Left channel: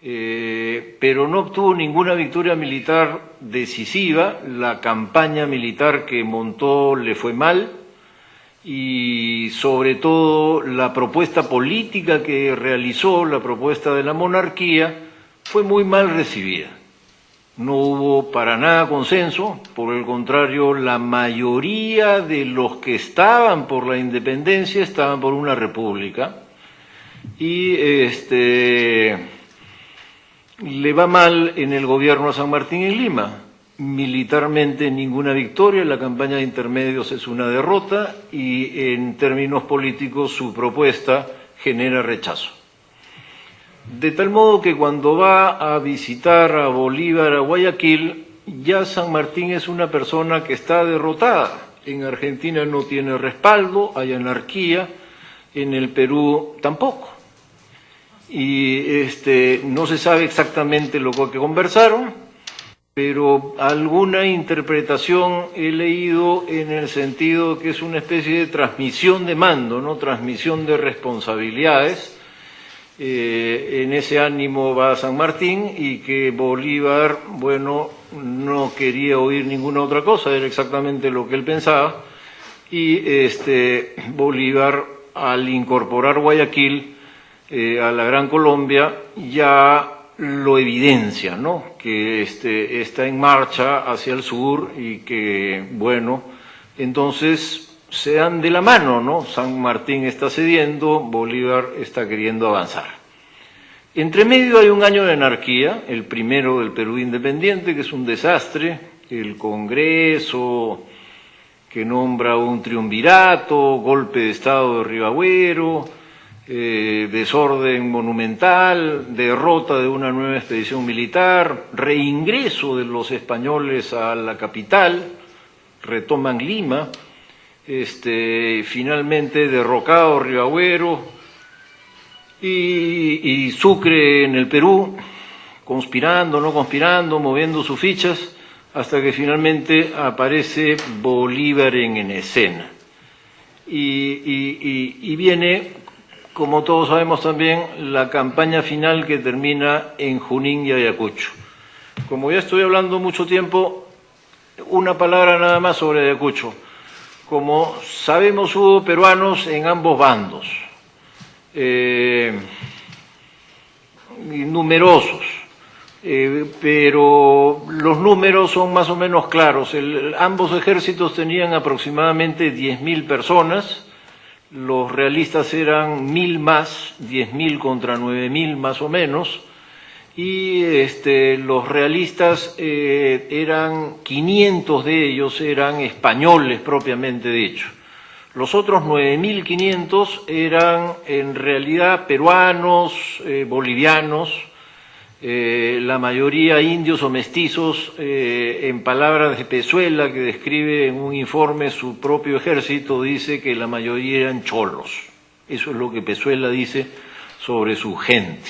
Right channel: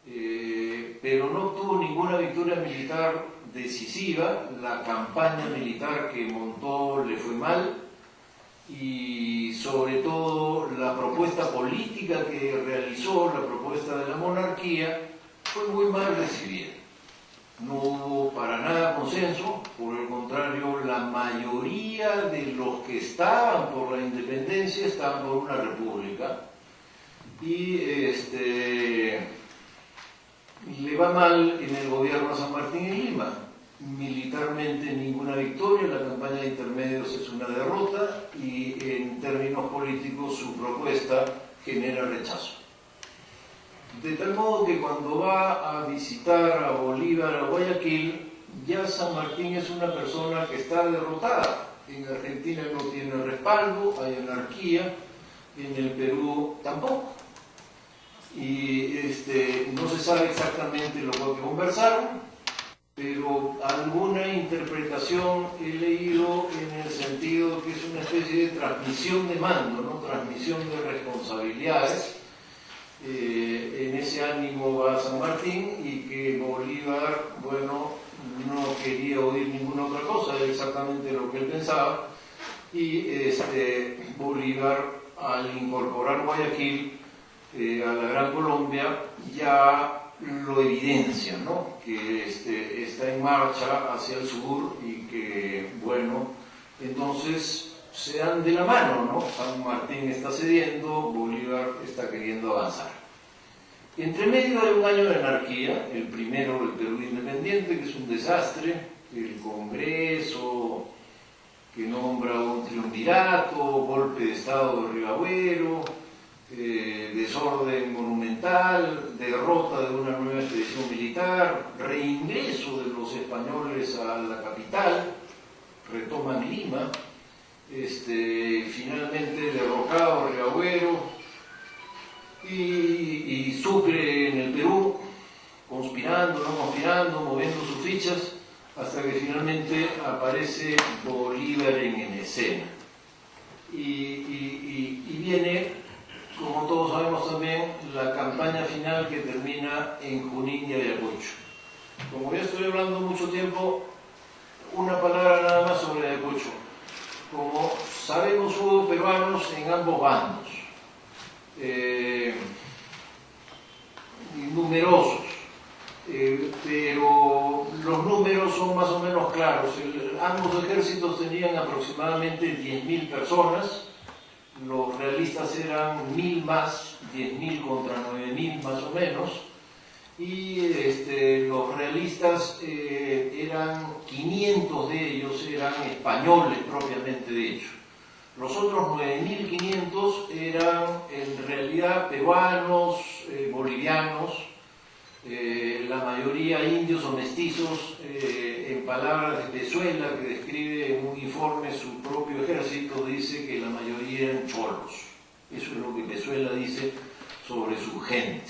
pero no obtuvo ninguna victoria militar decisiva. La campaña militar que montó le fue mal, y sobre todo la propuesta política que realizó, la propuesta de la monarquía, fue muy mal recibida. No hubo para nada consenso, por el contrario, la mayoría de los que estaban por la independencia estaban por una república, y le va mal en el gobierno a San Martín en Lima. Militarmente ninguna victoria, la campaña de intermedios es una derrota, y en términos políticos su propuesta genera rechazo. De tal modo que cuando va a visitar a Bolívar a Guayaquil, ya San Martín es una persona que está derrotada. En Argentina no tiene respaldo, hay anarquía, en el Perú tampoco. Y no se sabe exactamente lo que conversaron, pero alguna interpretación he leído en el sentido que es una especie de transmisión de mando, ¿no? Transmisión de responsabilidades. En ese ánimo va San Martín, y que Bolívar, bueno, no quería oír ninguna otra cosa, era exactamente lo que él pensaba, y Bolívar, al incorporar Guayaquil a la Gran Colombia, ya lo evidencia, ¿no? Que está en marcha hacia el sur, y que, bueno, entonces se dan de la mano, ¿no? San Martín está cediendo, Bolívar está queriendo avanzar. Entre medio hay un año de anarquía, el primero del Perú independiente, que es un desastre, el Congreso que nombra un triunvirato, golpe de Estado de Rivagüero, desorden monumental, derrota de una nueva expedición militar, reingreso de los españoles a la capital, retoman Lima, finalmente derrocado Rivagüero, y Sucre en el Perú, conspirando, no conspirando, moviendo sus fichas, hasta que finalmente aparece Bolívar en escena. Y viene, como todos sabemos también, la campaña final, que termina en Junín y Ayacucho. Como ya estoy hablando mucho tiempo, una palabra nada más sobre Ayacucho. Como sabemos, hubo peruanos en ambos bandos, numerosos, pero los números son más o menos claros. Ambos ejércitos tenían aproximadamente 10.000 personas, los realistas eran 1.000 más, 10.000 contra 9.000 más o menos, y los realistas eran 500 de ellos, eran españoles propiamente dicho. Los otros 9.500 eran en realidad peruanos, bolivianos, la mayoría indios o mestizos, en palabras de Pezuela, que describe en un informe su propio ejército, dice que la mayoría eran cholos. Eso es lo que Pezuela dice sobre su gente.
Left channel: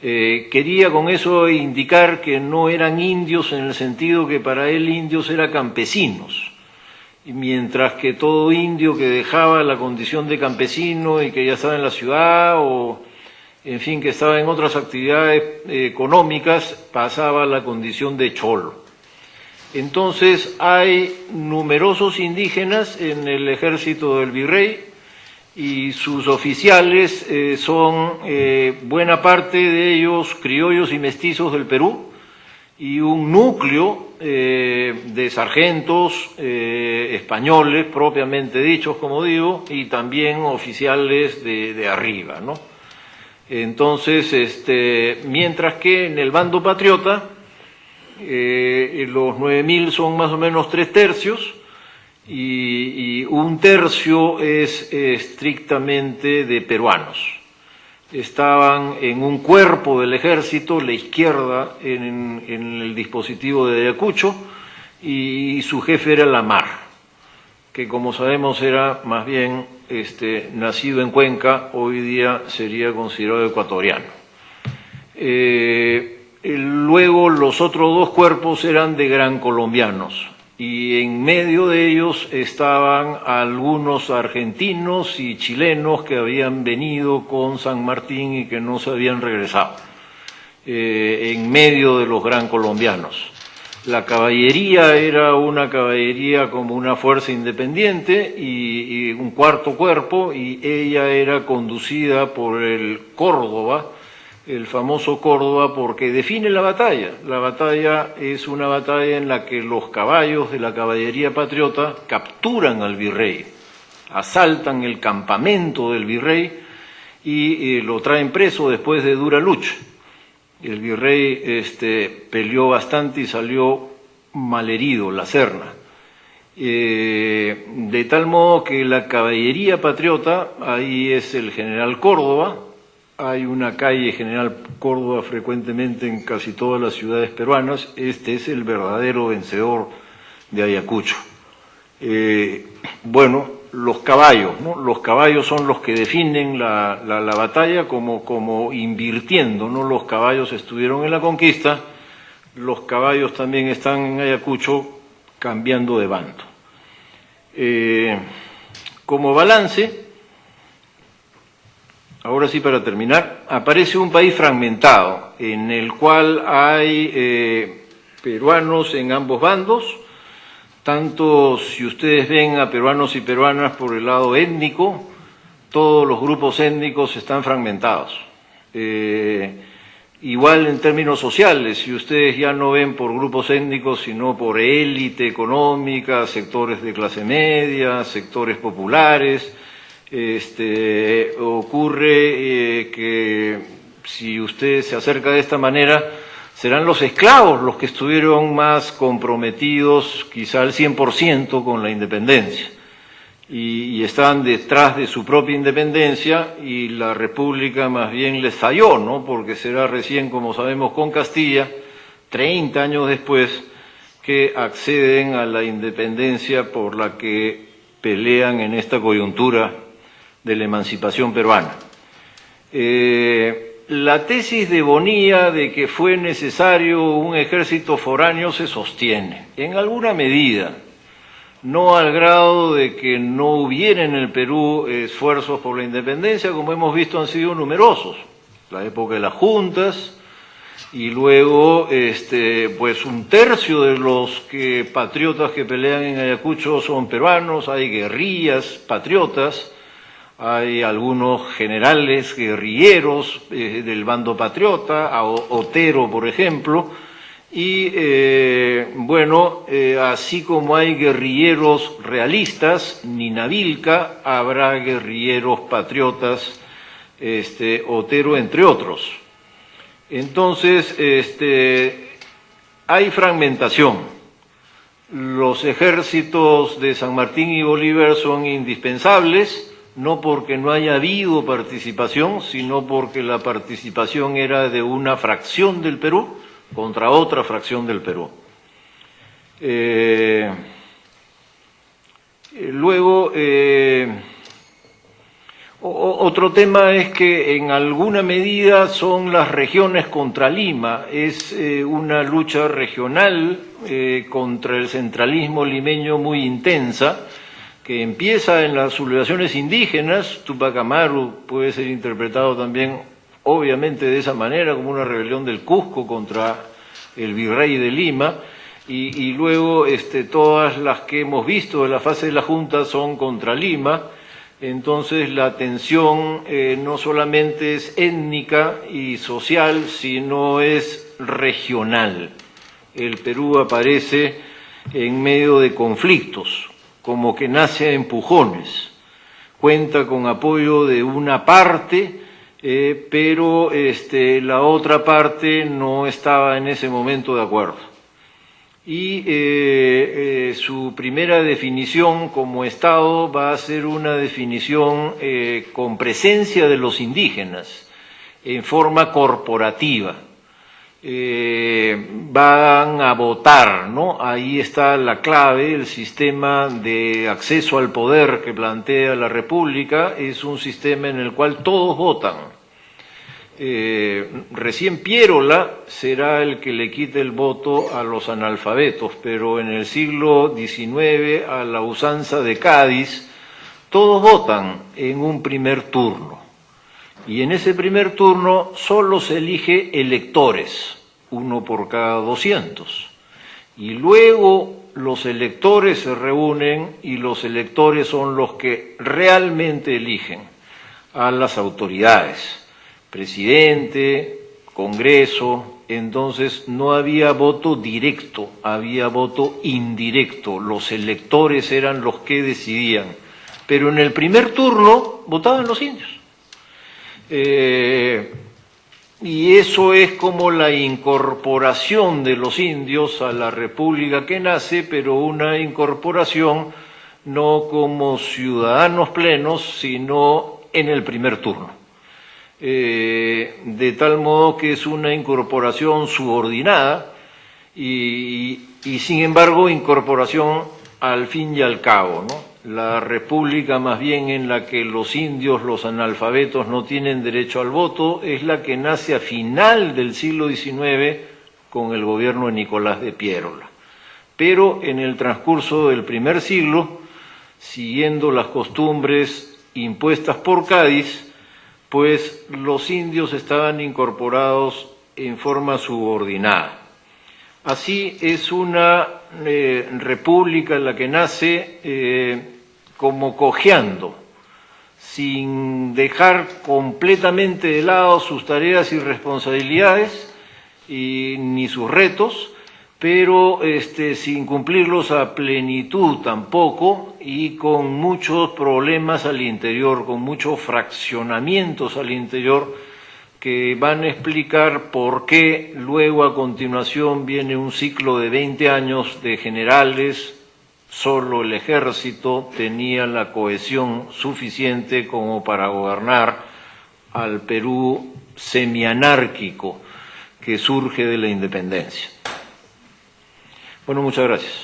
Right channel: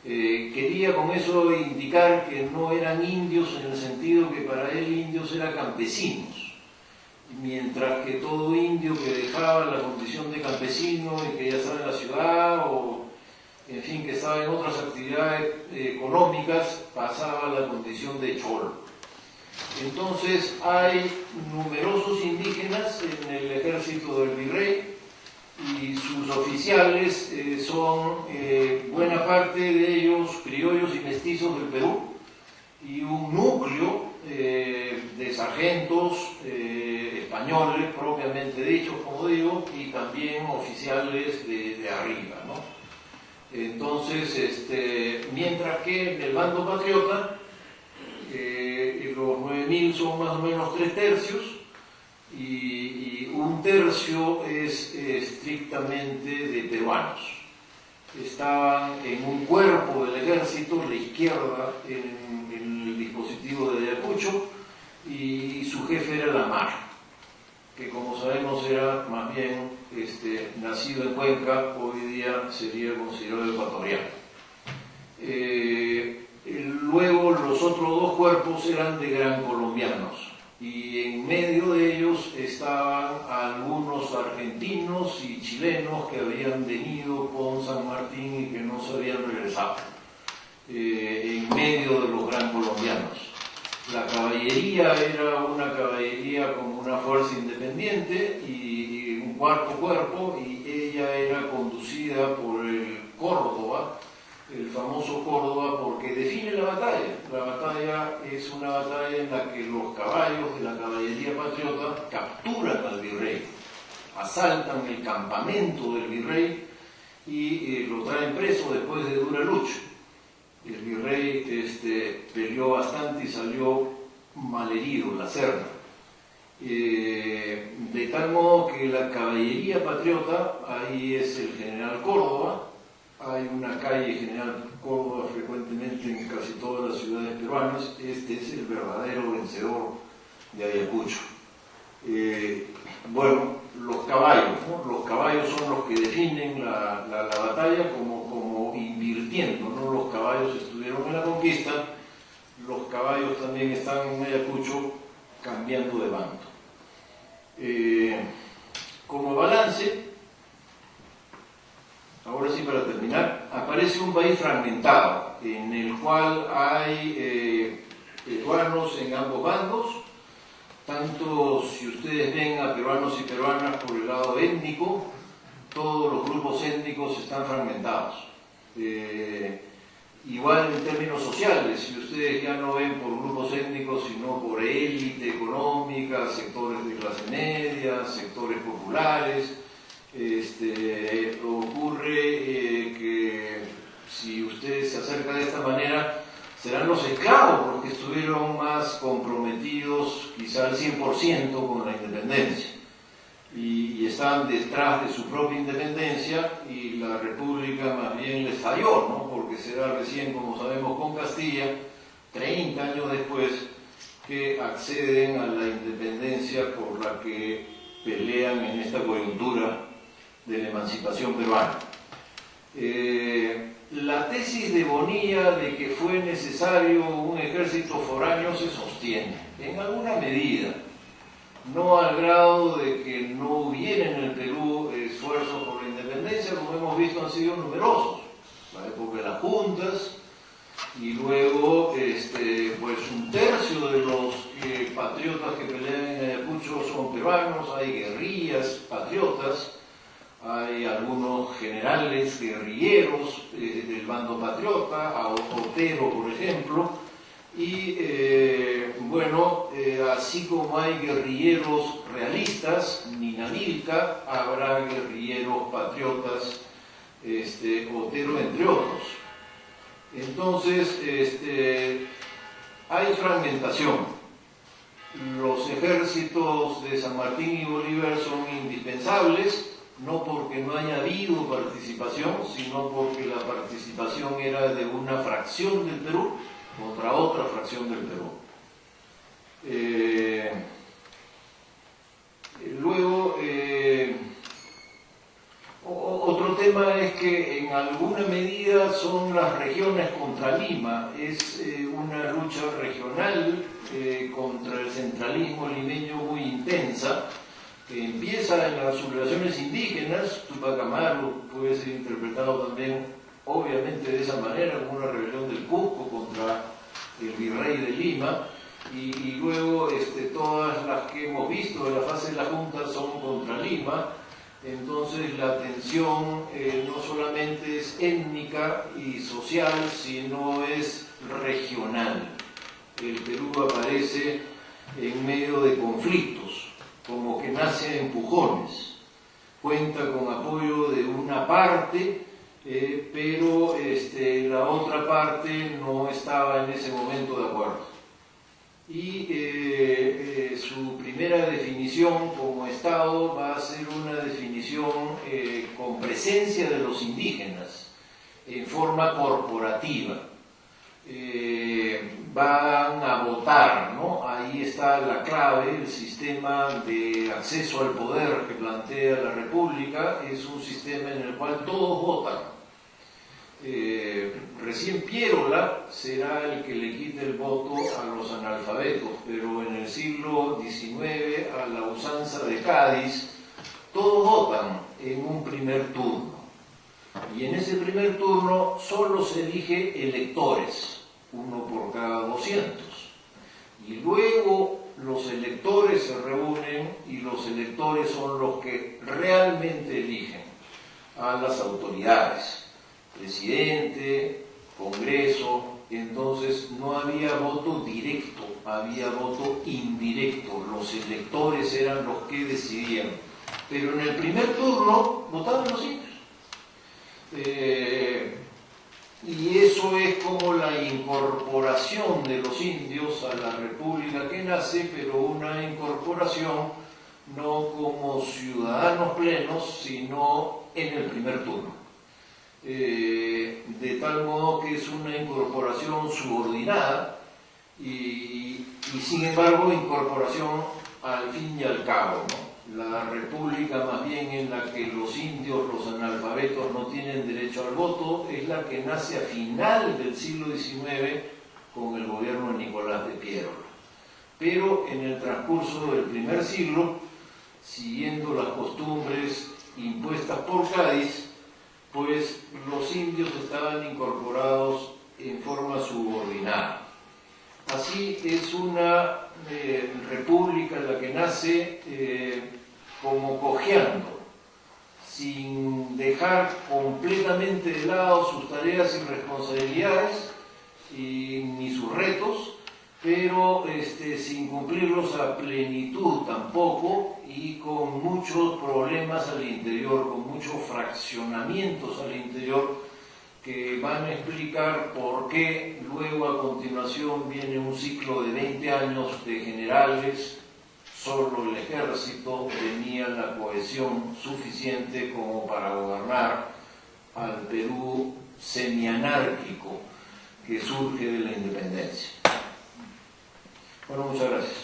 Quería con eso indicar que no eran indios en el sentido que para él indios eran campesinos, mientras que todo indio que dejaba la condición de campesino y que ya estaba en la ciudad, o en fin, que estaba en otras actividades económicas, pasaba a la condición de cholo. Entonces hay numerosos indígenas en el ejército del virrey, y sus oficiales son buena parte de ellos criollos y mestizos del Perú, y un núcleo de sargentos españoles propiamente dichos, como digo, y también oficiales de arriba, ¿no? Entonces, mientras que en el bando patriota los 9.000 son más o menos 3/3, y 1/3 es estrictamente de peruanos. Estaban en un cuerpo del ejército, la izquierda, en el dispositivo de Ayacucho, y su jefe era Lamar, que como sabemos era más bien nacido en Cuenca, hoy día sería considerado ecuatoriano. Luego los otros dos cuerpos eran de gran colombianos, y en medio de ellos estaban algunos argentinos y chilenos que habían venido con San Martín y que no se habían regresado. en medio de los gran colombianos. La caballería era una caballería como una fuerza independiente y un cuarto cuerpo, y ella era conducida por el Córdoba, el famoso Córdoba, porque define la batalla. La batalla es una batalla en la que los caballos de la caballería patriota capturan al virrey, asaltan el campamento del virrey y lo traen preso después de dura lucha. El virrey peleó bastante y salió malherido, la Serna. De tal modo que la caballería patriota, ahí es el general Córdoba, hay una calle General Córdoba frecuentemente en casi todas las ciudades peruanas, este es el verdadero vencedor de Ayacucho. Bueno, los caballos, ¿no? Los caballos son los que definen la batalla como invirtiendo, ¿no? Los caballos estuvieron en la conquista, los caballos también están en Ayacucho cambiando de bando. Como balance, ahora sí para terminar, aparece un país fragmentado en el cual hay peruanos en ambos bandos, tanto si ustedes ven a peruanos y peruanas por el lado étnico, todos los grupos étnicos están fragmentados. Igual en términos sociales, si ustedes ya no ven por grupos étnicos, sino por élite económica, sectores de clase media, sectores populares, ocurre que si usted se acerca de esta manera, serán los esclavos los que estuvieron más comprometidos, quizá al 100% con la independencia, y estaban detrás de su propia independencia, y la República más bien les falló, ¿no? Porque será recién, como sabemos, con Castilla, 30 años después, que acceden a la independencia por la que pelean en esta coyuntura de la emancipación peruana. La tesis de Bonilla de que fue necesario un ejército foráneo se sostiene, en alguna medida, no al grado de que no hubiera en el Perú esfuerzos por la independencia, como hemos visto han sido numerosos, la época de las juntas, y luego pues un tercio de los patriotas que pelean en Ayacucho son peruanos, hay guerrillas patriotas, hay algunos generales guerrilleros del bando patriota, Otero por ejemplo, y bueno, así como hay guerrilleros realistas, Ninavilca, habrá guerrilleros patriotas, Otero entre otros. Entonces, hay fragmentación. Los ejércitos de San Martín y Bolívar son indispensables, no porque no haya habido participación, sino porque la participación era de una fracción del Perú contra otra fracción del Perú. Luego, otro tema es que en alguna medida son las regiones contra Lima, es una lucha regional contra el centralismo limeño muy intensa, que empieza en las sublevaciones indígenas. Tupac Amaru puede ser interpretado también obviamente de esa manera, como una rebelión del Cusco contra el virrey de Lima, y luego todas las que hemos visto de la fase de la Junta son contra Lima. Entonces la tensión no solamente es étnica y social, sino es regional. El Perú aparece en medio de conflictos, como que nace a empujones, cuenta con apoyo de una parte, pero la otra parte no estaba en ese momento de acuerdo. Y su primera definición como Estado va a ser una definición con presencia de los indígenas, en forma corporativa. Van a votar, ¿no? Ahí está la clave. El sistema de acceso al poder que plantea la República es un sistema en el cual todos votan. Recién Piérola será el que le quite el voto a los analfabetos, pero en el siglo XIX, a la usanza de Cádiz, todos votan en un primer turno. Y en ese primer turno solo se elige electores, uno por cada 200. Y luego los electores se reúnen y los electores son los que realmente eligen a las autoridades, presidente, Congreso. Entonces no había voto directo, había voto indirecto, los electores eran los que decidían, pero en el primer turno votaban los indios. Y eso es como la incorporación de los indios a la república que nace, pero una incorporación no como ciudadanos plenos, sino en el primer turno. De tal modo que es una incorporación subordinada y sin embargo incorporación al fin y al cabo, ¿no? La república más bien en la que los indios, los analfabetos no tienen derecho al voto, es la que nace a final del siglo XIX con el gobierno de Nicolás de Piérola. Pero en el transcurso del primer siglo, siguiendo las costumbres impuestas por Cádiz, pues los indios estaban incorporados en forma subordinada. Así es una república en la que nace como cojeando, sin dejar completamente de lado sus tareas y responsabilidades ni sus retos, pero sin cumplirlos a plenitud tampoco y con muchos problemas al interior, con muchos fraccionamientos al interior que van a explicar por qué luego a continuación viene un ciclo de 20 años de generales. Solo el ejército tenía la cohesión suficiente como para gobernar al Perú semianárquico que surge de la independencia. Bueno, muchas gracias.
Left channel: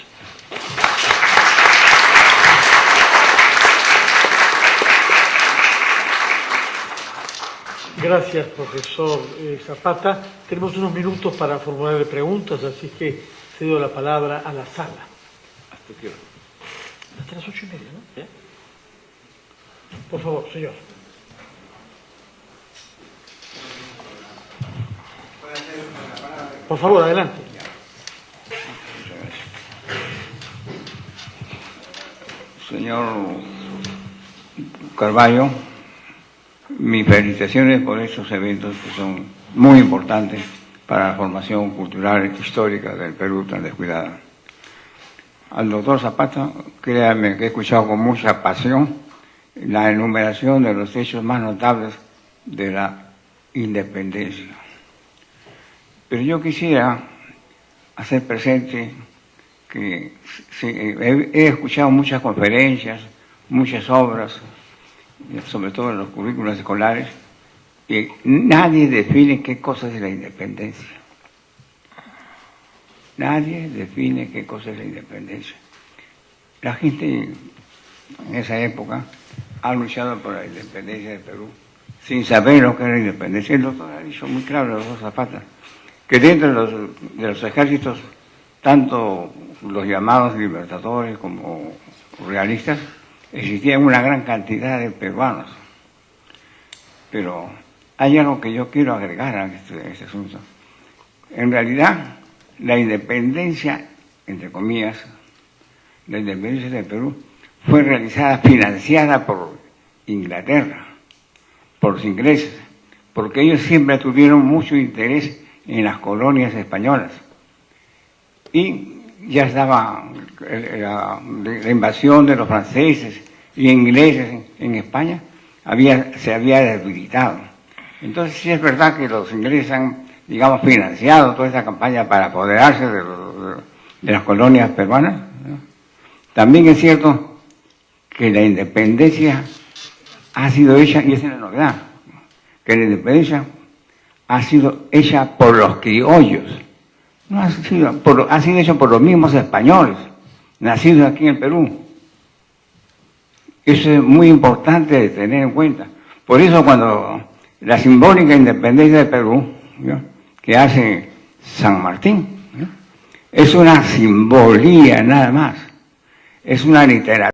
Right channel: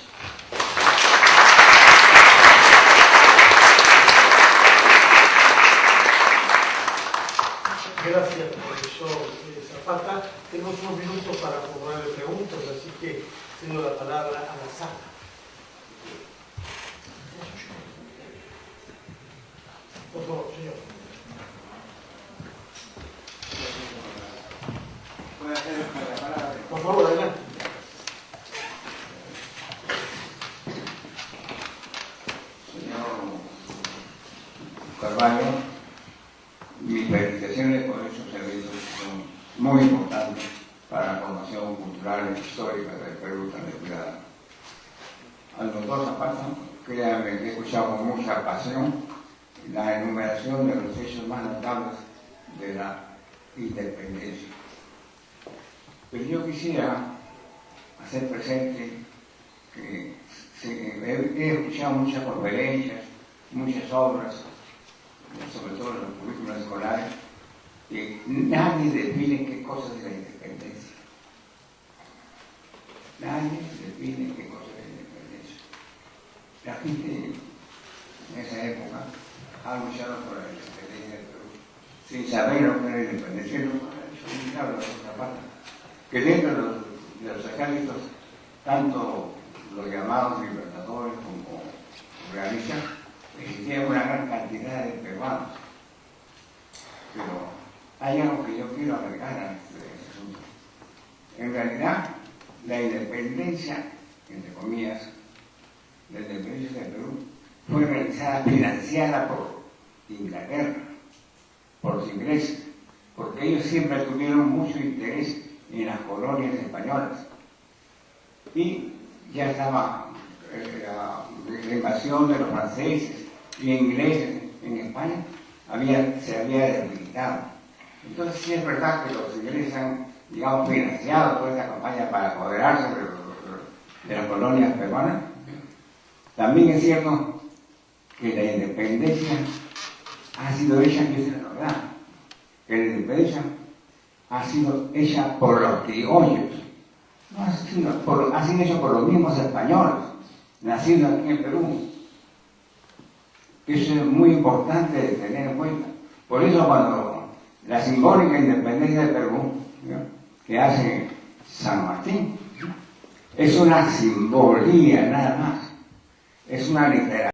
Gracias, profesor Zapata. Tenemos unos minutos para formularle preguntas, así que cedo la palabra a la sala. Hasta las 8:30, ¿no? Por favor, señor. Por favor, adelante. Señor Carvalho, mis felicitaciones por estos eventos que son muy importantes para la formación cultural e histórica del Perú tan descuidada. Al doctor Zapata, créanme que he escuchado con mucha pasión la enumeración de los hechos más notables de la independencia. Pero yo quisiera hacer presente que he escuchado muchas conferencias, muchas obras, sobre todo en los currículos escolares, que nadie define qué cosa es la independencia. Nadie define qué cosa es la independencia. La gente en esa época ha luchado por la independencia de Perú, sin saber lo que era la independencia. El doctor ha dicho muy claro, el doctor Zapata, que dentro de los ejércitos, tanto los llamados libertadores como realistas, existían una gran cantidad de peruanos. Pero hay algo que yo quiero agregar a este asunto. En realidad, la independencia, entre comillas, la independencia de Perú, fue realizada, financiada por Inglaterra, por los ingleses, porque ellos siempre tuvieron mucho interés en las colonias españolas. Y ya estaba la invasión de los franceses y ingleses en España, se había debilitado. Entonces sí es verdad que los ingleses han, digamos, financiado toda esta campaña para apoderarse de las colonias peruanas, ¿no? También es cierto que la independencia ha sido hecha, y esa es la novedad, que la independencia ha sido hecha por los criollos, no ha sido hecho por los mismos españoles, nacidos aquí en Perú. Eso es muy importante de tener en cuenta. Por eso cuando la simbólica independencia de Perú, ¿no?, que hace San Martín, ¿no?, es una simbolía nada más, es una literatura.